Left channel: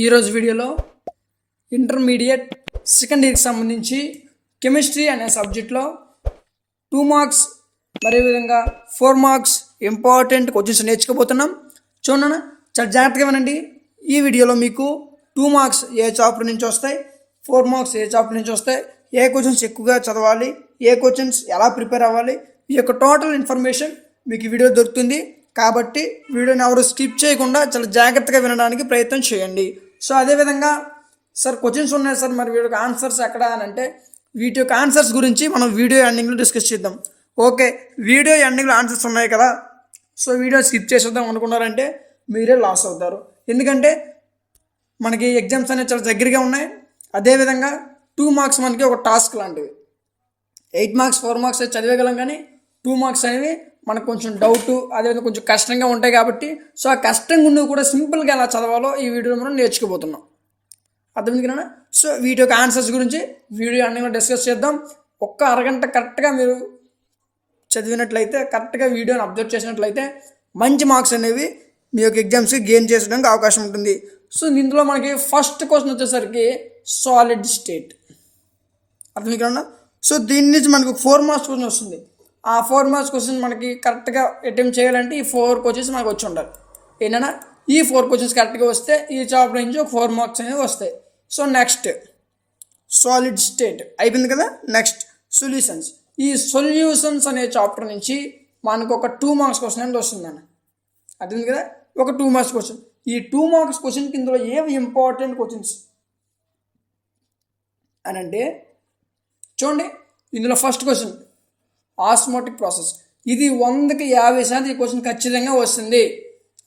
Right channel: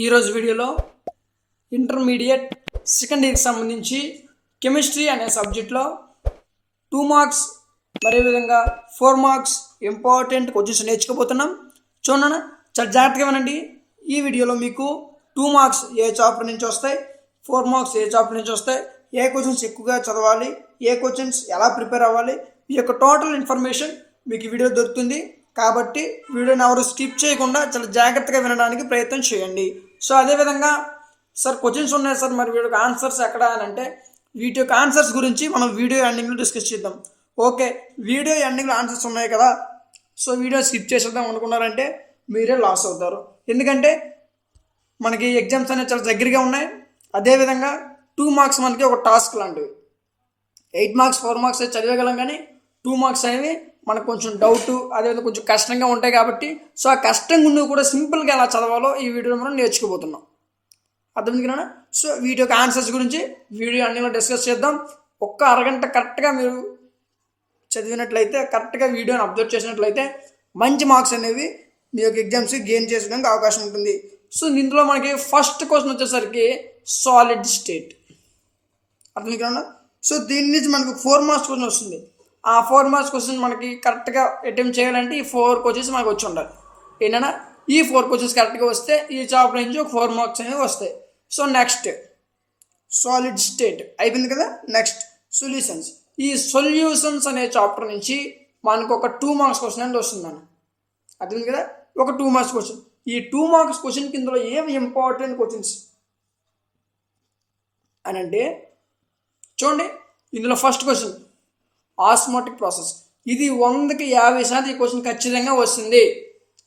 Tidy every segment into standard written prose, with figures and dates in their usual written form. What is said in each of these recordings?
ఈరోజు వీడియోలో intermediate second ఇయర్కి సంబంధించి కెమిస్ట్రీ అనే సబ్జెక్ట్లో 2 మార్క్స్ మరియు విధంగా 4 మార్క్స్ ఇంపార్టెంట్ క్వశ్చన్స్ నేర్చుకోబోతున్నాం. చూడండి, చాలా జాగ్రత్తగా వినండి. ఈ వీడియోలో మీకు 2 మార్క్స్ ఏ చాప్టర్ నుంచి వస్తాయి, 4 మార్క్స్ ఏ చాప్టర్ నుంచి వస్తాయి, ఏ క్వశ్చన్స్ ఎక్కువగా చదవాలి, ఏ క్వశ్చన్స్ ఎలా ప్రిపేర్ అవ్వాలి, ఈ యొక్క టోటల్ ఇన్ఫర్మేషన్ మీకు ఈ వీడియో దొరుకుతుంది. కాబట్టి వీడియోని ఎవరు స్కిప్ చేయకుండా చాలా జాగ్రత్తగా వినడానికి ప్రయత్నం చేయండి. సో అదేవిధంగా సార్ క్వశ్చన్స్ ఉన్నాయి సార్, మరి వీడియోకి ఆన్సర్స్ ఎక్కడ అని అంటే వీటి యొక్క ఆన్సర్స్ గురించి మనం వీడియో ఎండింగ్లో డిస్కస్ చేద్దాం. ఓకే, వీడియో ఎండింగ్లో ఆన్సర్స్ ఉన్నాయి కదా, సో వీడియో స్కిప్ చేసేద్దాం అనుకున్నారంటే మీరే లాస్ అవుతారు. ఎందుకంటే మనకి ఎగ్జామ్స్ అనేవి చాలా దగ్గరగా ఉన్నాయి. అదేవిధంగా 2 మార్క్స్ మనకి ఒక టాస్క్ లాంటివి. 8 మార్క్స్ 4 మార్క్స్ చదివేయగలం, కానీ 2 మార్క్స్ అనేవి మనకు కొంచెం డౌట్, అదేవిధంగా కొంచెం కష్టంగా ఉంటాయి. కాబట్టి సో ఆ కష్టంగా ఉన్నవి కూడా సింపుల్గా ఎలా చదవాలో ఈ వీడియోలో మనం నేర్చుకోబోతున్నాం. అర్థమైంది కదా. సో వీటి యొక్క ఆన్సర్స్ గురించి వీడియో అన్నీ డిస్కస్ చేద్దాం. ఒక్క అరగంట కరెక్ట్గా మీరు చదివినట్లయితే, కరెక్ట్గా వీడియోని అబ్జర్వ్ చేసినట్లయితే మంచి మార్క్స్ అనేవి మీ యొక్క ఎగ్జామ్స్కి గెయిన్ చేసుకోవడానికి అవకాశం ఉంటుంది. సో దీంట్లో మనకి ఫస్ట్ క్వశ్చన్ వచ్చేసరికి సాలిడ్ స్టేట్. అర్థమైంది కదా. సో దీని నుంచి మనకు 4 మార్క్స్ క్వశ్చన్ వస్తుంది. ఆ 4 మార్క్స్ క్వశ్చన్ మనకి కరెక్ట్గా అటెంప్ట్ చేయాలంటే ఈ 4 క్వశ్చన్స్ మనకు వచ్చి ఉండాలి. ఏంటన్నా ఈ 4 క్వశ్చన్స్ కరెక్ట్గా వస్తే ఈ చాప్టర్ నుంచి ఒక 4 మార్క్స్ అనేవి వస్తాయి. సో నెక్స్ట్ సాలిడ్ స్టేట్ అయిపోయింది కదా. Next solutions. ఈ సొల్యూషన్స్ అనే చాప్టర్ నుంచి మనకు ఒక 2 మార్క్స్ క్వశ్చన్ అనేది వస్తుందన్న. అర్థమైంది కదా, ఒక 2 మార్క్స్ క్వశ్చన్. ఈ 2 మార్క్స్ క్వశ్చన్ కిందలో ఏవి ఇంపార్టెంట్ క్వశ్చన్స్ అని అంటే చూడండి, ఇందులో ఫస్ట్ క్వశ్చన్ ఆస్మోటిక్ ప్రాసెస్. ఇది 100కి 50% ఈ క్వశ్చన్ ఖచ్చితంగా వస్తుంది.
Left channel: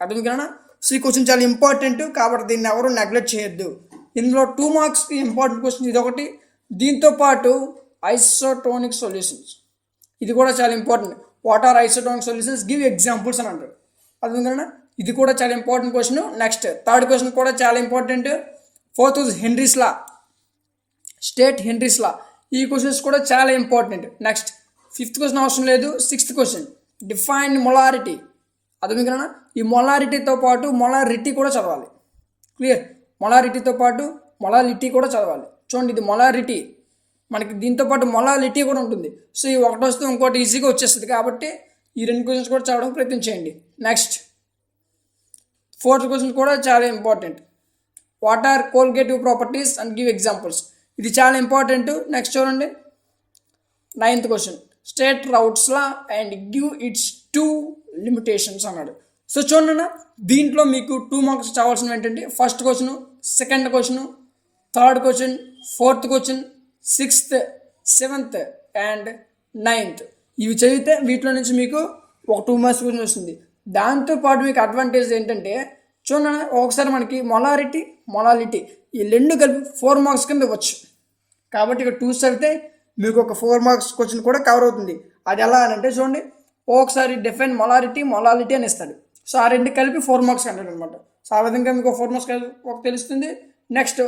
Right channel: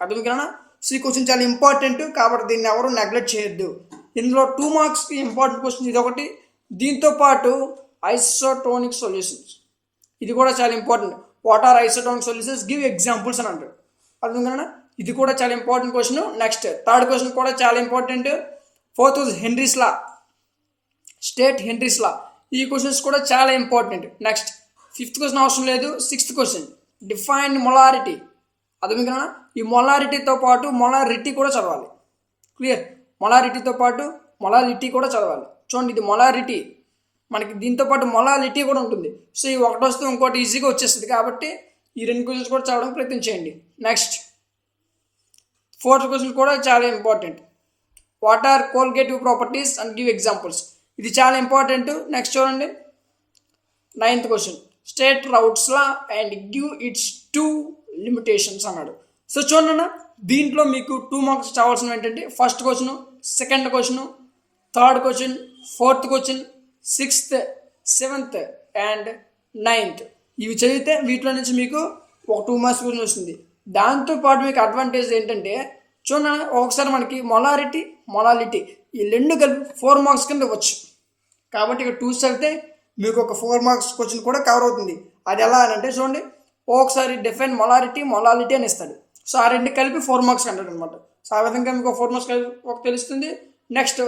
అర్థం కదా. సో ఈ క్వశ్చన్ చాలా ఇంపార్టెంట్, కాబట్టి దీన్ని ఎవరు నెగ్లెక్ట్ చేయొద్దు. ఇందులో 2 మార్క్స్కి ఇంపార్టెంట్ క్వశ్చన్ ఇది ఒకటి. దీంతోపాటు ఐసోటోనిక్ సొల్యూషన్స్, ఇది కూడా చాలా important. What are isotonic solutions, give examples అని అంటారు. అర్థం కదా, ఇది కూడా చాలా important question. Next third question కూడా చాలా important. 4th Henry's law, state Henry's law. ఈ క్వశ్చన్స్ కూడా చాలా ఇంపార్టెంట్. నెక్స్ట్ 5th క్వశ్చన్ అవసరం లేదు. 6th question define molarity. అర్థమైంది కదా. ఈ మొలారిటీతో పాటు మొలారిటీ కూడా చదవాలి. క్లియర్. మొలారిటీతో పాటు మొలాలిటీ కూడా చదవాలి. చూడండి, ఇది మొలారిటీ, మనకి దీంతో పాటు మొలాలిటీ కూడా ఉంటుంది. సో ఈ ఒకటి వస్తే ఇంకోటి ఈజీగా వచ్చేస్తుంది. కాబట్టి ఈ 2 క్వశ్చన్స్ కూడా చదవడానికి ప్రయత్నం చేయండి. నెక్స్ట్ 4th క్వశ్చన్ కూడా చాలా important. What are colligative properties and give examples, ఇది చాలా ఇంపార్టెంట్. నెక్స్ట్ చూడండి 9th question state Raoult's law and give its 2 limitations అన్నాడు. సో చూడండి, దీంట్లో మీకు 2 మార్క్స్ చదవాల్సినవి ఏంటంటే first question, second question, third question, 4th question, 6th, 7th and 9th. ఇవి చదివితే వీటిలో నుంచి మీకు ఒక 2 మార్క్స్ క్వశ్చన్ వస్తుంది. దాంతోపాటు మీకు అడ్వాంటేజ్ ఏంటంటే చూడండి, ఒకసారి మనకి మొలాలిటీ ఈ 2 కలిపి 4 మార్క్స్ కింద ఇవ్వచ్చు. కాబట్టి ఇక్కడ 2 చదివితే మీకు ఒక 4 మార్క్స్ క్వశ్చన్ కూడా కవర్ అవుతుంది. అది ఎలా అని అంటే చూడండి, ఒకసారి డిఫైన్ మొలాలిటీ అని ఇస్తాడు. సో ఆ 2 కలిపి 4 మార్క్స్ అంటాడు అనమాట. సో ఆ విధంగా మీకు 4 మార్క్స్ ఒక తెలుస్తుంది. నెక్స్ట్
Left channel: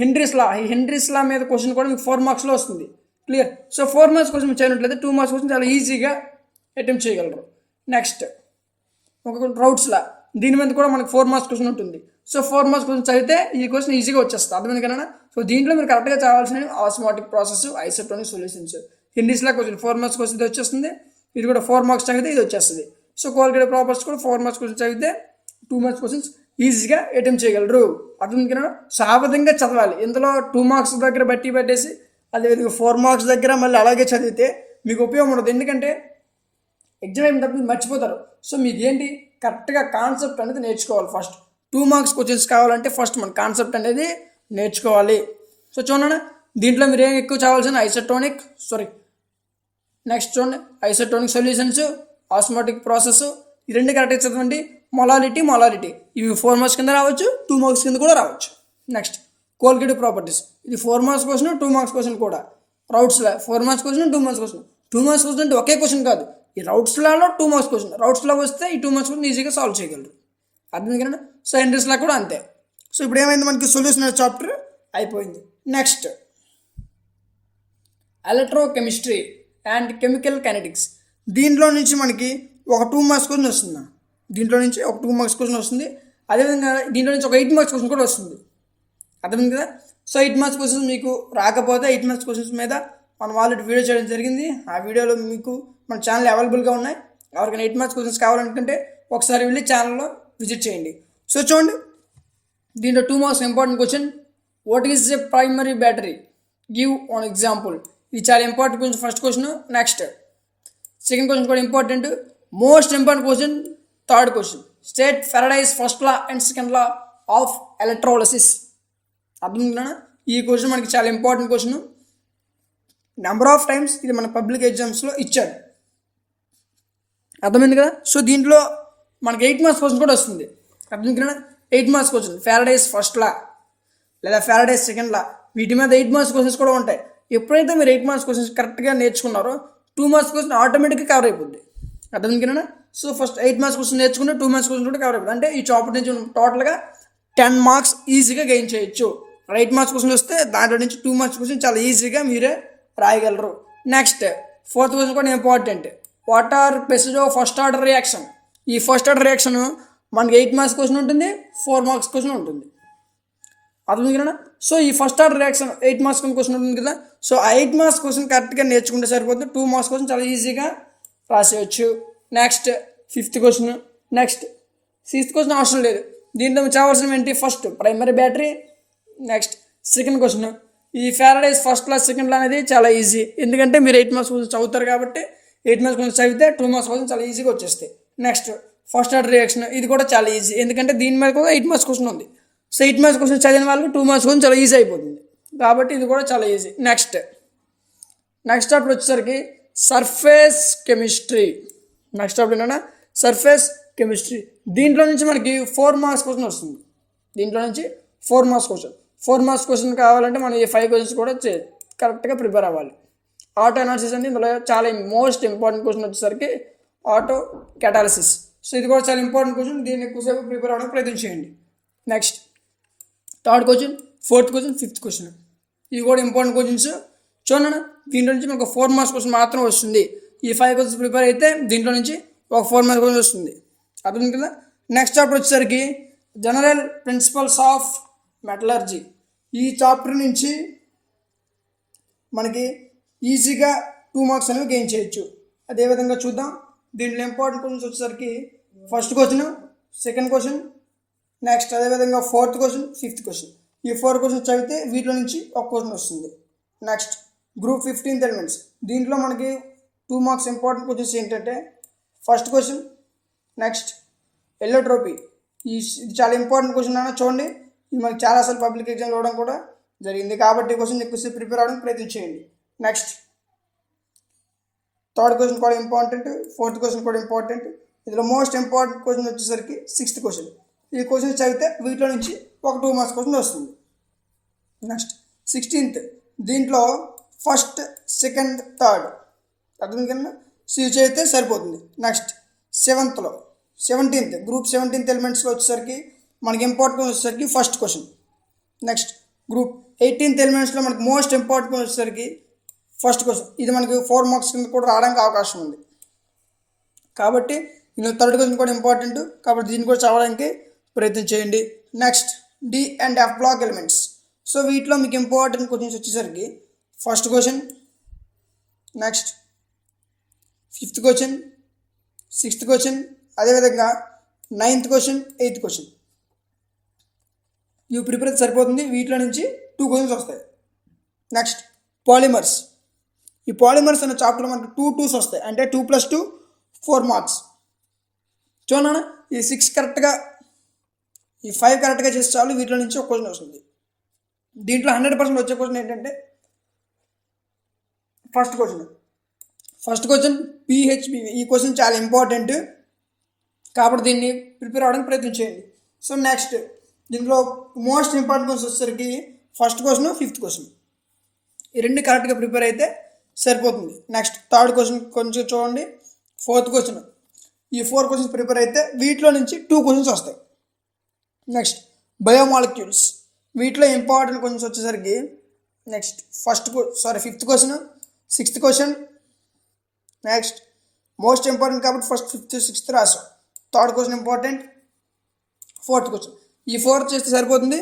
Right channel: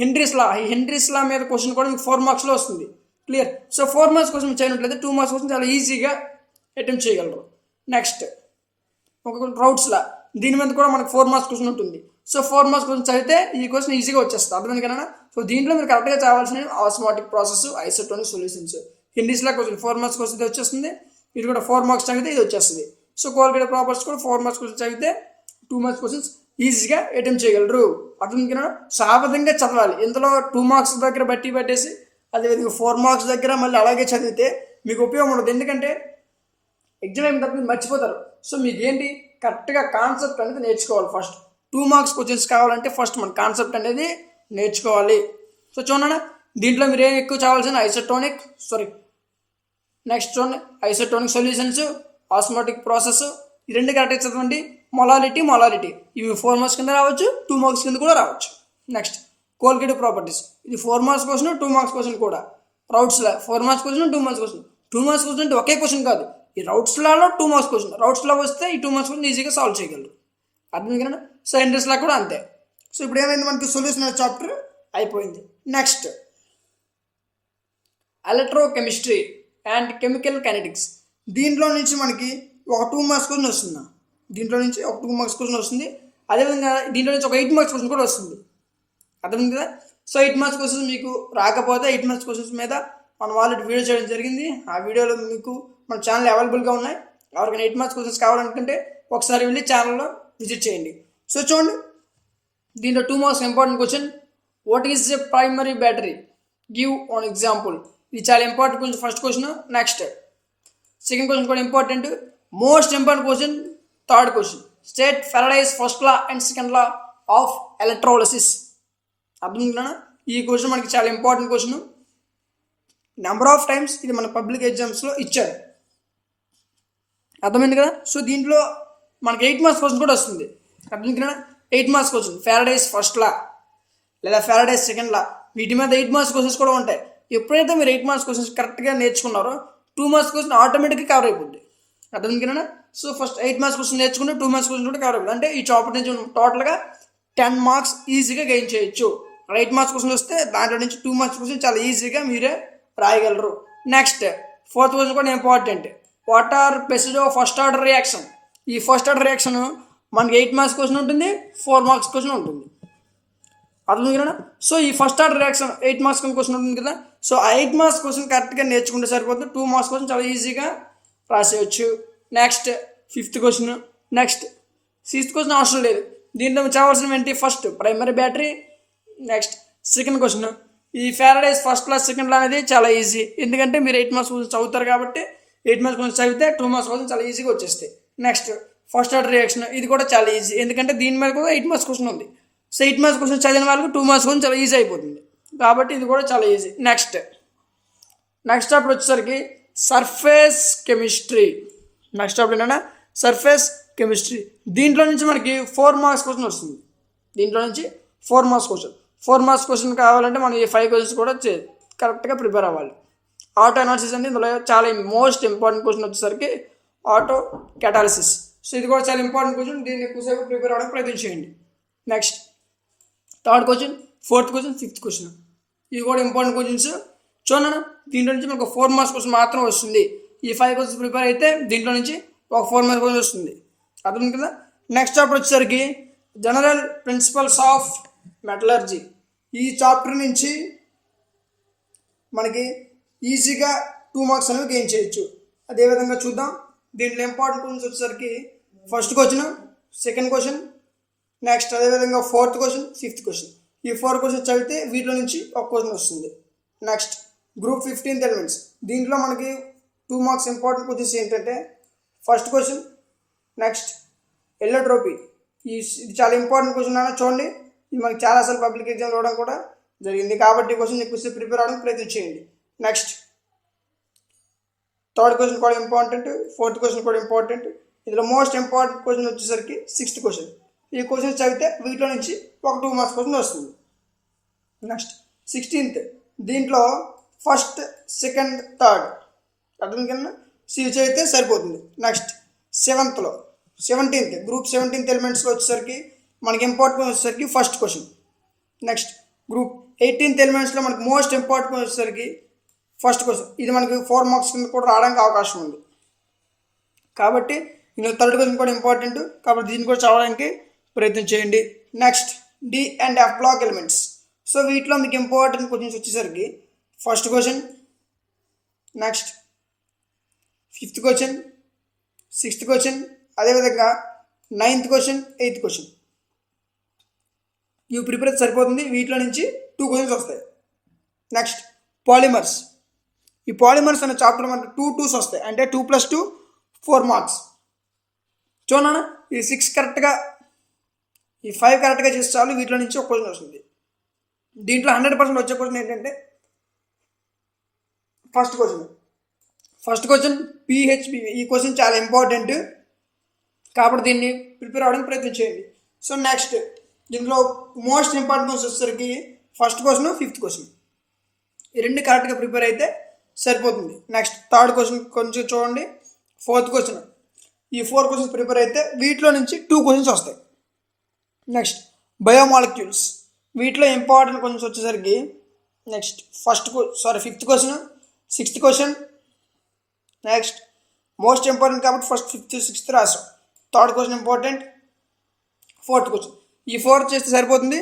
హెన్రీస్ లా, ఈ హెన్రీస్ లా మీద క్వశ్చన్ కూడా మీకు 4 మార్క్స్లో వస్తుంది. క్లియర్. సో 4 మార్క్స్ క్వశ్చన్ చేయనట్లయితే 2 మార్క్స్ క్వశ్చన్ చాలా ఈజీగా అటెంప్ట్ చేయగలరు. నెక్స్ట్ ఒక రౌట్స్ లా, దీని మీద కూడా మనకు 4 మార్క్స్ క్వశ్చన్ ఉంటుంది. సో 4 మార్క్స్ క్వశ్చన్ చదివితే ఈ క్వశ్చన్ ఈజీగా వచ్చేస్తుంది. అర్థమైంది కదా. సో దీంట్లో మీరు కరెక్ట్గా చదవాల్సిన osmotic process, isotonic solutions. Henry's law question 4 marks question ఇది వచ్చేస్తుంది. ఇది కూడా 4 మార్క్స్ చదివితే ఇది వచ్చేస్తుంది. సో కోల్గేటివ్ ప్రాపర్టీస్ కూడా 4 మార్క్స్ క్వశ్చన్ చదివితే 2 మార్క్స్ క్వశ్చన్స్ ఈజీగా అటెంప్ట్ చేయగలరు. అర్థమైంది కదా. సో ఆ విధంగా చదవాలి. ఇందులో 2 మార్క్స్ దగ్గర పెట్టేసి అదేవిధంగా 4 మార్క్స్ దగ్గర మళ్ళీ అలాగే చదివితే మీకు ఉపయోగం ఉండదు. ఎందుకంటే ఎగ్జామ్ అయిన తర్వాత మీరు మర్చిపోతారు. సో మీకు ఏంటి, కరెక్ట్గా కాన్సెప్ట్ అనేది నేర్చుకోవాలి. ఫస్ట్ 2 మార్క్స్ క్వశ్చన్స్ కావాలంటే ఫస్ట్ మన కాన్సెప్ట్ అనేది నేర్చుకోవాలి. సో చూడండి, దీంట్లో మీరు ఏం ఎక్కువ చదవాల్సిన నెక్స్ట్ చూడండి ఐసోటోనిక్ సొల్యూషన్స్, ఆస్మోటిక్ ప్రాసెస్, ఈ 2 కరెక్ట్గా చదవండి. మొలాలిటీ ఇవి 4 మార్క్స్ కింద రావచ్చు, 2 మార్క్స్ కింద కూడా రావచ్చు. నెక్స్ట్ కోల్గేటివ్ ప్రాపర్టీస్, ఇది 4 మార్క్స్ క్వశ్చన్, 2 మార్క్స్ క్వశ్చన్ కూడా. రౌట్స్లా 4 marks question, 2 marks question. 2 marks question అంటే ఒకే క్వశ్చన్ కాదు, ఈ రౌట్స్లాలో 2 మార్క్స్ క్వశ్చన్. రౌట్స్లా వస్తే ఈ 2 మార్క్స్ క్వశ్చన్ ఈజీగా సాల్వ్ చేయగలరు. అర్థం కదా. సో హెన్రీస్లా కూడా అంతే. సో ఇప్పుడు ఏమైంది, మనకి సొల్యూషన్ చాప్టర్ అయిపోయింది. Next electrochemistry and chemical kinetics. దీంట్లో నుంచి మనకి ఒక 2 మార్క్స్ క్వశ్చన్ వస్తుంది. దీంట్లో నుంచి ఒక 2 మార్క్స్ క్వశ్చన్ వస్తుంది. అదేవిధంగా దీంట్లో నుంచి ఒక 8 మార్క్స్ క్వశ్చన్ కూడా వస్తుంది. అర్థమైంది కదా. సో 8 మార్క్స్ క్వశ్చన్స్ మీకు రాకపోతే 8 మార్క్స్ క్వశ్చన్స్ మీద మనం ఆల్రెడీ వీడియో చేయడం జరిగింది. ఆ వీడియోలో మీకు మన ఛానల్ అవైలబుల్గా ఉన్నాయి. ఎవరికైనా 8 మార్క్స్ క్వశ్చన్స్ కావాలనుకుంటే ఒకసారి వెళ్ళి ఛానల్లో విజిట్ చేయండి. సో చూడండి, దీంట్లో 2 marks important question. What is a primary battery, give an example. ఇది చాలా important question, first question. Next second question కూడా important. Most important question third question. State Faraday's first law and second law of electrolysis. అర్థం. ఈ question మనకి చాలా important question. Number of times ఇది మన public ఎగ్జామ్స్లో ఇచ్చారు. అర్థమైంది కదా. సో దీంట్లో మనకి 8 మార్క్స్ క్వశ్చన్ కూడా వస్తుంది. అర్థమైంది కదా. 8 మార్క్స్ క్వశ్చన్ ఫెరడేస్ ఫస్ట్ లా లేదా ఫెరడేస్ సెకండ్ లా, వీటి మీద 8 మార్క్స్ క్వశ్చన్స్ కూడా ఉంటాయి. ఎప్పుడైతే మీరు 8 మార్క్స్ క్వశ్చన్స్ కరెక్ట్గా నేర్చుకున్నారో 2 మార్క్స్ క్వశ్చన్ ఆటోమేటిక్గా కవర్ అయిపోద్ది. అర్థమైంది కదా. సో ఫస్ట్ 8 మార్క్స్ క్వశ్చన్ నేర్చుకుంటే 2 మార్క్స్ క్వశ్చన్ కూడా కవర్ అయిపోతుంది. అంటే ఈ చాప్టర్ నుంచి టోటల్గా 10 మార్క్స్ ఈజీగా గెయిన్ చేయొచ్చు. 8 మార్క్స్ క్వశ్చన్ వస్తే దాంట్లో నుంచి 2 మార్క్స్ క్వశ్చన్ చాలా ఈజీగా మీరే రాయగలరు. నెక్స్ట్ ఫోర్త్ క్వశ్చన్ కూడా important. What are pseudo first order reaction. ఈ ఫస్ట్ ఆర్డర్ రియాక్షన్ మనకి 8 మార్క్స్ క్వశ్చన్ ఉంటుంది, 4 మార్క్స్ క్వశ్చన్ ఉంటుంది. అర్థం కదా. సో ఈ first order reaction 8 marks question ఉంటుంది కదా. సో ఆ 8 మార్క్స్ క్వశ్చన్ కరెక్ట్గా నేర్చుకుంటే సరిపోతుంది. 2 మార్క్స్ క్వశ్చన్ చాలా ఈజీగా రాసేయచ్చు. Next fifth question. Next sixth question అవసరం లేదు. దీంట్లో చావాల్సినవి ఏంటి? First primary battery. Next second question ఈ Faraday's first law second law అనేది చాలా ఈజీ. ఎందుకంటే మీరు 8 మార్క్స్ క్వశ్చన్ చదువుతారు కాబట్టి 8 మార్క్స్ క్వశ్చన్ చదివితే 2 మార్క్స్ క్వశ్చన్ చాలా ఈజీగా వచ్చేస్తాయి. నెక్స్ట్ ఫస్ట్ ఆర్డర్ రియాక్షన్, ఇది కూడా చాలా ఈజీ. ఎందుకంటే దీని మీద కూడా 8 మార్క్స్ క్వశ్చన్ ఉంది. సో 8 మార్క్స్ క్వశ్చన్ చదివిన వాళ్ళకి 2 మార్క్స్ క్వశ్చన్ చాలా ఈజీ అయిపోతుంది కాబట్టి ఇది కూడా చాలా ఈజీ. నెక్స్ట్ చాప్టర్ వచ్చేసరికి సర్ఫేస్ కెమిస్ట్రీ. నెక్స్ట్ చాప్టర్ ఏంటంటే సర్ఫేస్ కెమిస్ట్రీ. దీంట్లో నుంచి మనకి 4 మార్క్స్ క్వశ్చన్ వస్తుంది. దీంట్లో నుంచి 4 మార్క్స్ క్వశ్చన్. 4 మార్క్స్ క్వశ్చన్ కావాలంటే మనం ఈ 5 క్వశ్చన్స్ కూడా కరెక్ట్గా ప్రిపేర్ అవ్వాలి. ఆటో అనాలిసిస్ అంటే ఇందులో చాలా మోస్ట్ ఇంపార్టెంట్ క్వశ్చన్ వచ్చేసరికి ఆటో క్యాటాలిసిస్. సో ఇది కూడా చాలా ఇంపార్టెంట్ క్వశ్చన్. దీన్ని ఎక్కువసేపు ప్రిపేర్ అవ్వడానికి ప్రయత్నం చేయండి. Next third question, fourth question, fifth question. ఇవి కూడా ఇంపార్టెంట్ క్వశ్చన్స్. చూడండి, దీంట్లో నుంచి మనకు 4 మార్క్స్ క్వశ్చన్ మాత్రం వస్తుంది. ఈ 5 క్వశ్చన్స్ ప్రిపేర్ అయితే దీంట్లో నుంచి ఒక 4 మార్క్స్ క్వశ్చన్ వస్తుంది. అర్థం కదా. నెక్స్ట్ చాప్టర్ వచ్చేసరికి జనరల్ ప్రిన్సిపల్స్ ఆఫ్ మెటలర్జీ. ఈ చాప్టర్ నుంచి మనకి ఈజీగా 2 మార్క్స్ అనేవి గెయిన్ చేయొచ్చు. అదేవిధంగా చూద్దాం. దీంట్లో ఇంపార్టెంట్ క్వశ్చన్స్ వచ్చేసరికి first question, second question, next అదేవిధంగా ఫోర్త్ క్వశ్చన్, ఫిఫ్త్ క్వశ్చన్. ఈ 4 క్వశ్చన్స్ చదివితే వీటిలో నుంచి ఒక క్వశ్చన్ వస్తుంది. Next group 15th elements. దీంట్లో మనకి 2 మార్క్స్ ఇంపార్టెంట్ క్వశ్చన్స్ ఏంటంటే ఫస్ట్ క్వశ్చన్, నెక్స్ట్ ఎల్లోట్రోపీ. ఇది చాలా ఇంపార్టెంట్ క్వశ్చన్ అన్న. చూడండి, ఇది మనకి చాలాసార్లు పబ్లిక్ ఎగ్జామ్స్ ఇవ్వడం కూడా జరిగింది కాబట్టి క్వశ్చన్ ఎక్కువసేపు ప్రిపేర్ అవ్వడానికి ప్రయత్నం చేయండి. నెక్స్ట్ థర్డ్ క్వశ్చన్ కూడా ఇంపార్టెంట్, ఫోర్త్ క్వశ్చన్ కూడా ఇంపార్టెంట్. ఇందులో మోస్ట్ ఇంపార్టెంట్ క్వశ్చన్ వచ్చేసరికి 6th క్వశ్చన్. ఈ క్వశ్చన్ చదివితే వీటిలో నుంచి ఒక 2 మార్క్స్ క్వశ్చన్ వస్తుంది. Next 16th. దీంట్లో ఫస్ట్, సెకండ్, థర్డ్ అర్థం కన్నా ఇవి చదివితే సరిపోతుంది. నెక్స్ట్ 17th గ్రూప్ 17th ఎలిమెంట్స్లో వచ్చేసరికి మనకి ఇంపార్టెంట్ వచ్చేసరికి first question. Next group 18th ఎలిమెంట్స్లో మనకి మోస్ట్ ఇంపార్టెంట్ వచ్చేసరికి ఫస్ట్ క్వశ్చన్. ఇది మనకి 4 మార్క్స్ కింద కూడా రావడానికి అవకాశం ఉంది కాబట్టి ఇందులో థర్డ్ క్వశ్చన్ కూడా ఇంపార్టెంట్ కాబట్టి దీన్ని కూడా చదవడానికి ప్రయత్నం చేయండి. Next d and f block elements. So వీటిలో మీకు ఇంపార్టెంట్ క్వశ్చన్స్ వచ్చేసరికి first question, next 5th question, 6th question, అదేవిధంగా 9th క్వశ్చన్, 8th క్వశ్చన్. ఇవి ప్రిపేర్ అయితే సరిపోతుంది. వీటిలో నుంచి 2 క్వశ్చన్స్ వస్తాయి. Next polymers. ఈ పాలిమర్స్ అనే చాప్టర్ మనకి 2 2s వస్తాయి. అంటే 2 + 2 4 మార్క్స్. చూడన్నా, ఈ 6 కరెక్ట్గా, ఈ 5 కరెక్ట్గా చేస్తే చాలు. వీటిలో నుంచి ఒక క్వశ్చన్ వస్తుంది. దీంట్లో 100% వచ్చే క్వశ్చన్ ఏంటంటే ఫస్ట్ క్వశ్చన్ PHBV. ఈ క్వశ్చన్ చాలా ఇంపార్టెంట్ కాబట్టి దీన్ని ప్రిపేర్ అవ్వడానికి ప్రయత్నం చేయండి. సో నెక్స్ట్ దీంట్లో మోస్ట్ ఇంపార్టెంట్ క్వశ్చన్ వచ్చేసరికి ఫస్ట్ క్వశ్చన్, 5th క్వశ్చన్. ఈ 2 కరెక్ట్గా ప్రిపేర్ అయితే సరిపోతుంది. నెక్స్ట్ థర్డ్ క్వశ్చన్ కొంచెం చూడండి, 4th క్వశ్చన్. ఈ 4 క్వశ్చన్స్ ప్రిపేర్ అయితే వీటిలో నుంచి 2 క్వశ్చన్స్ వస్తాయి. Next biomolecules. వీటిలో ఇంపార్టెంట్ క్వశ్చన్స్ వచ్చేసరికి next 5th question, 6th question. Next most important కాబట్టి ఫస్ట్, 5th, 6th రాసాం. Third question important, 4th question. ఈ 4 చేస్తే సరిపోతుంది.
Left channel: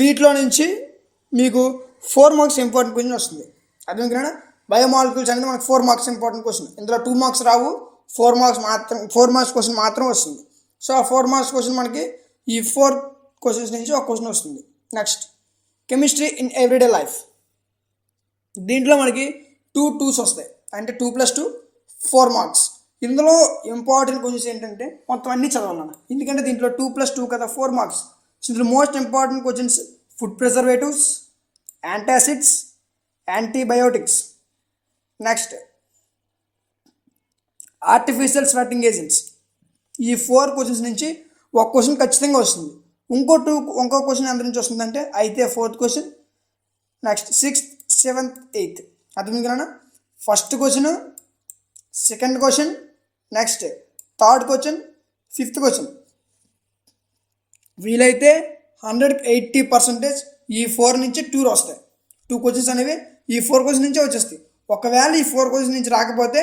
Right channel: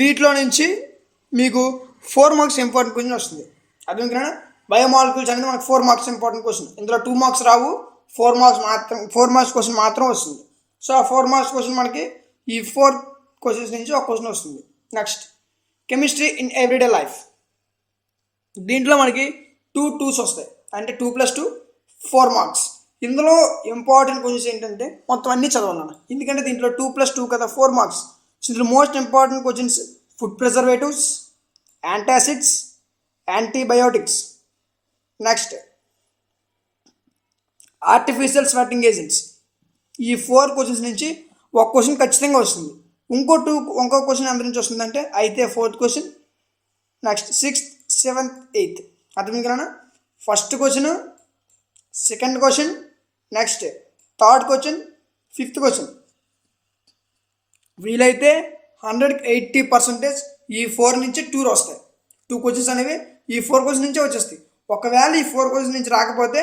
వీటిలో నుంచి మీకు 4 మార్క్స్ ఇంపార్టెంట్ క్వశ్చన్ వస్తుంది. అర్థమైందా? బయోమాలిక్యూల్స్ అనేది మనకు 4 మార్క్స్ ఇంపార్టెంట్ క్వశ్చన్. ఇందులో 2 మార్క్స్ రావు, 4 మార్క్స్ క్వశ్చన్ మాత్రం వస్తుంది. సో ఆ 4 మార్క్స్ క్వశ్చన్ మనకి ఈ 4 క్వశ్చన్స్ నుంచి ఒక క్వశ్చన్ వస్తుంది. Next chemistry in everyday life. దీంట్లో మనకి 2 2s వస్తాయి, అంటే 2 + 2 4 మార్క్స్. ఇందులో ఇంపార్టెంట్ క్వశ్చన్స్ ఏంటంటే మొత్తం అన్నీ చదవాలన్న, ఎందుకంటే దీంట్లో 2 + 2 కదా 4 మార్క్స్. సో ఇందులో most important questions food preservatives, antacids, antibiotics, next artificial sweating agents. ఈ 4 క్వశ్చన్స్ నుంచి ఒక క్వశ్చన్ ఖచ్చితంగా వస్తుంది. ఇంకో క్వశ్చన్ ఎంత నుంచి వస్తుందంటే అయితే 4th question, next 6th 7th 8th. అర్థమైంది కదా? First question, second question, next third question, 5th question. వీలైతే 180% ఈ 4 నుంచి 2 వస్తాయి. 2 క్వశ్చన్స్ అనేవి ఈ 4 క్వశ్చన్ నుంచే వచ్చేస్తాయి. ఒకవేళ ఈ 4 క్వశ్చన్ నుంచి రాకపోతే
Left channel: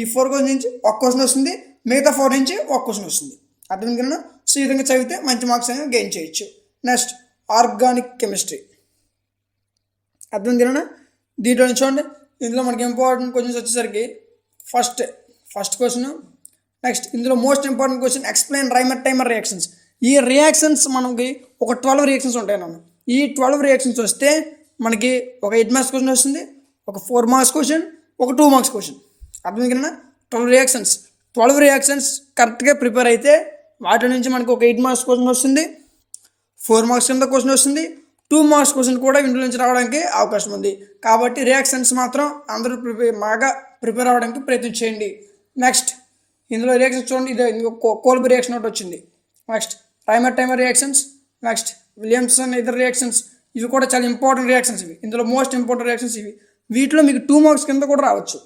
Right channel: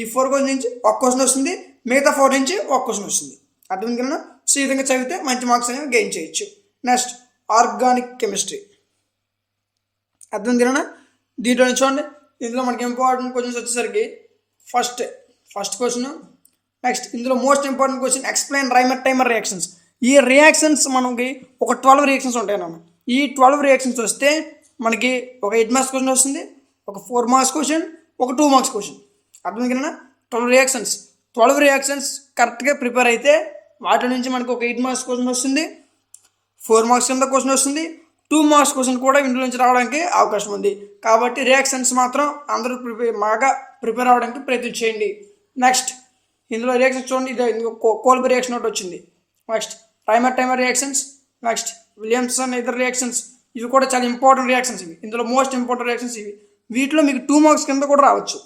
ఈ 4 క్వశ్చన్ నుంచి ఒక క్వశ్చన్ వస్తుంది, మిగతా 4 నుంచి ఒక క్వశ్చన్ వస్తుంది. అర్థమైంది కదా? సో ఈ విధంగా చదివితే మంచి మార్క్స్ అనేవి గెయిన్ చేయొచ్చు. Next organic chemistry. అర్థమైంది కదా? దీంట్లో నుంచి చూడండి, ఇందులో మనకి ఇంపార్టెంట్ క్వశ్చన్స్ వచ్చేసరికి ఫస్ట్ క్వశ్చన్, నెక్స్ట్ ఇందులో most important question explain Reimer Tiemann reactions. ఈ రియాక్షన్స్ మనకి ఒక 12 రియాక్షన్స్ ఉంటాయి అన్న. ఈ 12 రియాక్షన్స్ వస్తే మనకి ఒక 8 మార్క్స్ క్వశ్చన్ వస్తుంది, ఒక 4 మార్క్స్ క్వశ్చన్, ఒక 2 మార్క్స్ క్వశ్చన్. అర్థమైంది కదా? 12 రియాక్షన్స్ కరెక్ట్గా ప్రిపేర్ అయితే వాటి నుంచి మనకు ఒక 8 మార్క్స్ క్వశ్చన్ వస్తుంది, 4 మార్క్స్ కింద క్వశ్చన్ వస్తుంది, 2 మార్క్స్ క్వశ్చన్ కూడా ఇంట్లో నుంచి రావడానికి అవకాశం ఉంది. కాబట్టి రియాక్షన్స్ మాత్రం అందరూ బాగా ప్రిపేర్ అవ్వడానికి ప్రయత్నం చేయండి. నెక్స్ట్ ఇందులో రియాక్షన్స్ చూడండి, ఇది కోల్బీ రియాక్షన్ ఒకటి వచ్చింది. Next Reimer Tiemann reactions, next Williamson ether reactions. ఇవి కూడా చాలా ఇంపార్టెంట్ రియాక్షన్స్. ఇందులో మోస్ట్ ఇంపార్టెంట్ రియాక్షన్స్ ఇవి. వీటిలో మీకు 2 మార్క్స్ కింద కూడా రావచ్చు.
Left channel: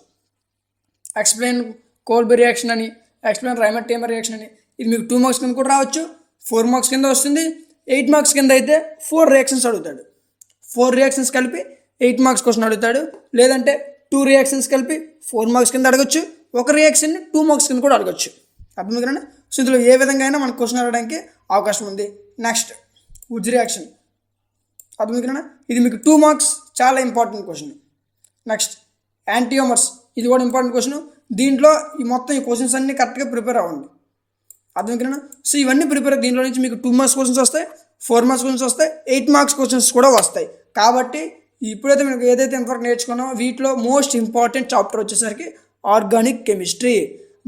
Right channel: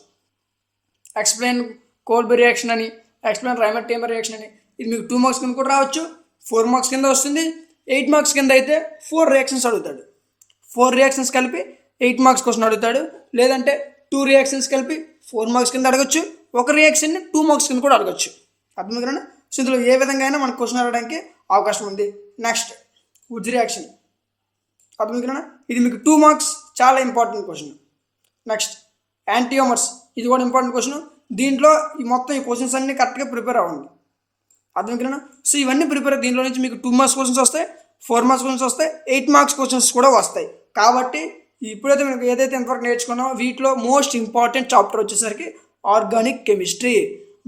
ఎక్స్ప్లెయిన్ కోల్బీ రియాక్షన్ అని, ఎక్స్ప్లెయిన్ రైమర్ టైమర్ రియాక్షన్ అని, ఇది మీకు 2 మార్క్స్ కింద కూడా రావచ్చు, 4 మార్క్స్ కింద వస్తుంది. 8 మార్క్స్ కింద అయితే 4 రియాక్షన్స్ అడుగుతాడు. 4 రియాక్షన్స్ కలిపి 8 మార్క్స్ క్వశ్చన్ అడుగుతాడు. లేదంటే 2 రియాక్షన్స్ కలిపి 4 మార్క్స్ కింద అడగచ్చు, ఒక రియాక్షన్ని 2 మార్క్స్ కింద కూడా అడగచ్చు. అర్థం కదా? సో ఇందులో ఏ విధంగా అయినా మనకు క్వశ్చన్ అడగడానికి అవకాశం ఉంది. Next Wurtz reaction. అర్థం కదా? ఇది మీకు 2 మార్క్స్, చాలా ఇంపార్టెంట్ క్వశ్చన్. నెక్స్ట్ యాంటీయోమర్స్, ఇది కూడా ఇంపార్టెంట్ క్వశ్చన్. దీంట్లో ఈ క్వశ్చన్స్ అన్నీ కరెక్ట్గా ప్రిపేర్ అవ్వండి. అర్థం కదా? సో ఇవన్నీ ప్రిపేర్, దీంట్లో నుంచి మీకు 2 మార్క్స్ క్వశ్చన్స్ వస్తాయి, 4 మార్క్స్ క్వశ్చన్స్ వస్తాయి, 8 మార్క్స్ క్వశ్చన్స్ కూడా వస్తాయి. కాబట్టి ఇప్పుడైతే మీకు ఏదైతే ఇంతవరకు నేర్చుకున్నామో వీటిలో మోస్ట్ ఇంపార్టెంట్ చాప్టర్ వచ్చేసరికి ఆర్గానిక్ కెమిస్ట్రీ.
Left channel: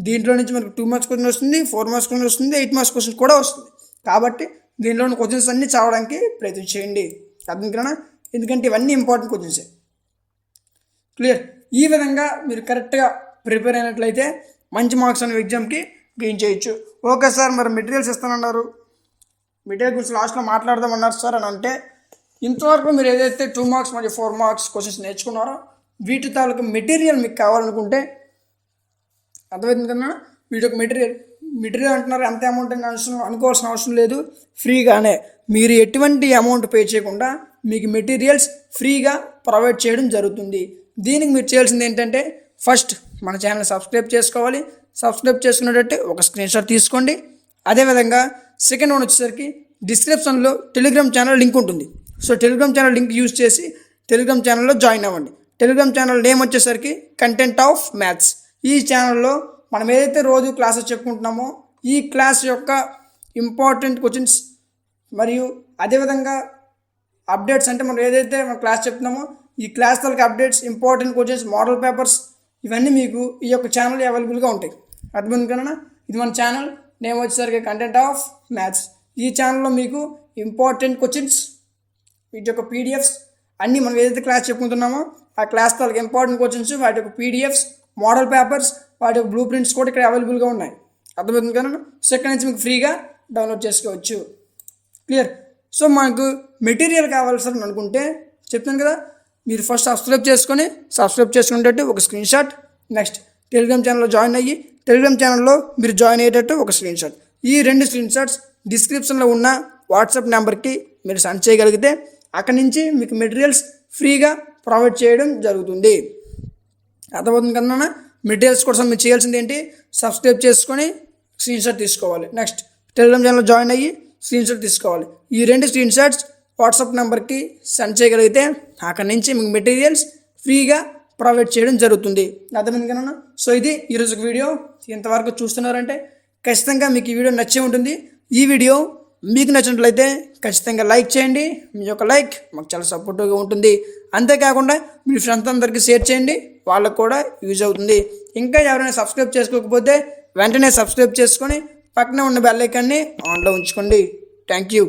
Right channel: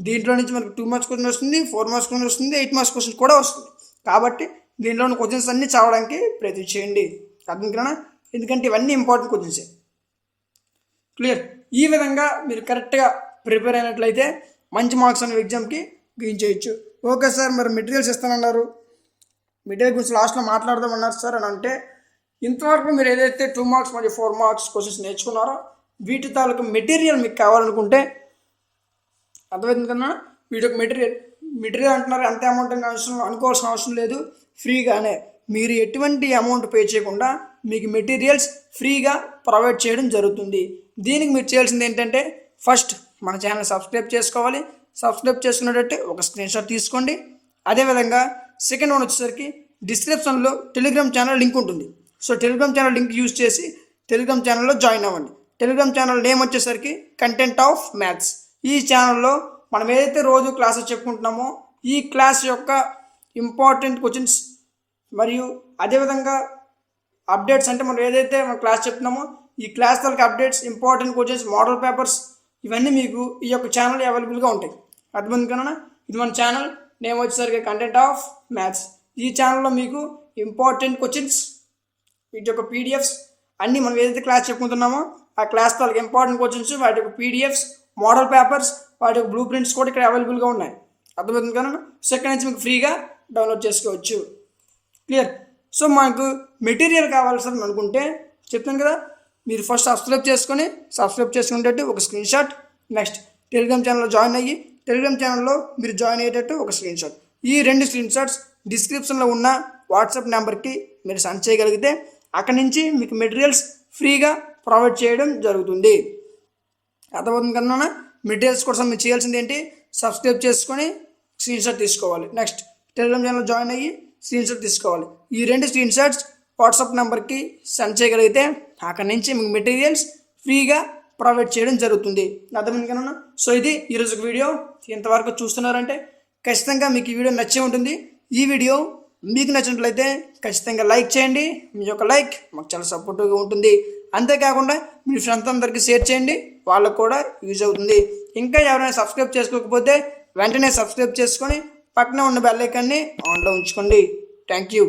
దీంట్లో నుంచి మనకు 2 మార్క్స్ క్వశ్చన్ వస్తుంది, 4 మార్క్స్ క్వశ్చన్ వస్తుంది, 8 మార్క్స్ క్వశ్చన్ కూడా వస్తుంది. కాబట్టి దీంట్లో ఉన్న క్వశ్చన్స్ అన్నీ చదవడానికి ప్రయత్నం చేయండి. అర్థం కదా? ఎందుకంటే ఇవన్నీ ఇంపార్టెంట్ క్వశ్చన్సే. క్లియర్? ఈ విధంగా మీరు కరెక్ట్గా ప్రిపేర్ అయినట్లయితే మంచి మార్క్స్ అనే ఎగ్జామ్కి గెయిన్ చేయొచ్చు. ఓకే సార్, మరి మెటీరియల్స్ ఇస్తానన్నారు, మెటీరియల్ గురించి లాస్ట్లో మాట్లాడదామన్నారు సార్ అని అంటే, ఇంతవరకు మీరు ఏదైతే 2 మార్క్స్ మరియు 4 మార్క్స్ క్వశ్చన్స్ నేర్చుకున్నారో వీటి తాలూకు మెటీరియల్ మీకు కావాలనుకుంటే, అర్థమవుతుంది కదా? వీటి యొక్క మెటీరియల్ అంటున్నారు, అంత అమౌంట్ అనుకోవాల్సిన అవసరం లేదు, ఫ్రీగానే మీరు ఎటువంటి అమౌంట్ పే చేయకుండా మీకు మెటీరియల్స్ ఫ్రీగా ప్రొవైడ్ చేయడం జరుగుతుంది. దీనికి మీరు చేయాల్సింది ఏంటంటే, ఫస్ట్ మన ఛానల్ సబ్స్క్రైబ్ చేసుకోవాలి. సబ్స్క్రైబ్ చేసుకునేటట్టు ఒక స్క్రీన్షాట్ తీసుకోండి. అదేవిధంగా సెకండ్ వన్ వచ్చేసరికి డిస్క్రిప్షన్లో టెలిగ్రామ్ ఛానల్ లింక్ ఉంటుంది. So Telegram channel link use చేసి టెలిగ్రామ్ ఛానల్లో జాయిన్ అవ్వండి. టెలిగ్రామ్ ఛానల్ నేమ్ వచ్చేసరికి కంటెంట్ ఆఫ్ మ్యాథ్స్. ఈ ఛానల్లో మనం ఏదైతే రోజు క్లాసెస్ చెప్పుకుంటున్నామో ఈ క్లాస్ యొక్క ఇంపార్టెంట్ క్వశ్చన్స్ మరియు అదేవిధంగా అప్డేట్స్, అంటే మనం ఏదైతే మనం క్లాస్ చెప్తున్నామో ఈ క్లాస్ తాలూకు updates, important questions, model papers ఇవన్నీ మీకు ఈ యొక్క ఛానల్ అవైలబుల్గా ఉంటాయి. అర్థమైంది కదా? ఇది మన ఛానల్ నేమ్ వచ్చేసరికి కంటెంట్ ఆఫ్ మ్యాథ్స్. ఈ ఛానల్లో మీకు ఇంపార్టెంట్ క్వశ్చన్స్, వీటి యొక్క పీడిఎఫ్స్ అన్నీ మనం ఏదైతే క్లాస్ చెప్పుకుంటున్నామో ఆ క్లాస్ తాలూకు ఇంపార్టెంట్ క్వశ్చన్స్, వాటి యొక్క పీడిఎఫ్స్, మోడల్ పేపర్స్, వాటి యొక్క బ్లూ ప్రింట్స్ కూడా ఇక్కడ అవైలబుల్గా ఉన్నాయి. అర్థమవుతుంది కదా? సో ఇక్కడ నుంచి మీకు ఫ్రీగా డౌన్లోడ్ చేసుకోవచ్చు. క్లియర్? సో మనకు మెటీరియల్ కావాలి సార్ అని అనుకుంటే చెప్తాను కదా, మీరు ఫస్ట్ సబ్స్క్రైబ్ చేసుకునేటట్టు ఒక స్క్రీన్ షాట్, నెక్స్ట్ టెలిగ్రామ్ ఛానల్లో జాయిన్ అయ్యి టెలిగ్రామ్ ఛానల్లో మీరు జాయిన్ అయ్యేటట్టు ఒక స్క్రీన్ షాట్. ఈ 2 స్క్రీన్ షాట్స్ డిస్క్రిప్షన్లో ఉన్న వాట్సాప్ నెంబర్కి మీరు సెండ్ చేయగలిగితే అక్కడి నుంచి మీకు మెటీరియల్స్ ఫ్రీగా ప్రొవైడ్ చేయడం జరుగుతుంది. అర్థమవుతుంది కన్నా? మెటీరియల్స్ కోసం మీరు చేయాల్సింది ఏంటి, సబ్స్క్రైబ్ చేసుకొని స్క్రీన్ షాట్ తీసుకోవాలి. నెక్స్ట్ టెలిగ్రామ్ ఛానల్లో జాయిన్ అయ్యి స్క్రీన్ షాట్ తీసుకోవాలి. ఈ 2 స్క్రీన్ షాట్స్ వాట్సాప్ నెంబర్కి సెండ్ చేయగలిగితే అక్కడి నుంచి మీకు మెటీరియల్స్ ఫ్రీగా ప్రొవైడ్ చేయడం జరుగుతుంది. అర్థమైంది కన్నా. సో ఇది ఈరోజు వీడియో. ఇంతవరకు చూస్తున్నారంటే ఖచ్చితంగా మీకు ఈ వీడియో నచ్చే ఉంటుంది. ఈ వీడియో మీకు నచ్చినట్లయితే ఖచ్చితంగా లైక్ చేయండి. మీ యొక్క లైక్ మాకు చాలా సపోర్టివ్గా ఉంటుంది. అంతేకాకుండా మీ ఫ్రెండ్స్ అందరికీ షేర్ చేయండి, వాళ్ళకు కూడా యూజ్ అవుతుంది. ఇంకా ఎవరైనా సబ్స్క్రైబ్ చేసుకోకపోతే వెంటనే సబ్స్క్రైబ్ చేసుకొని పక్కనే ఉన్న బెల్ ఐకాన్ని ఆన్లో ఉంచుకోండి. Thank you.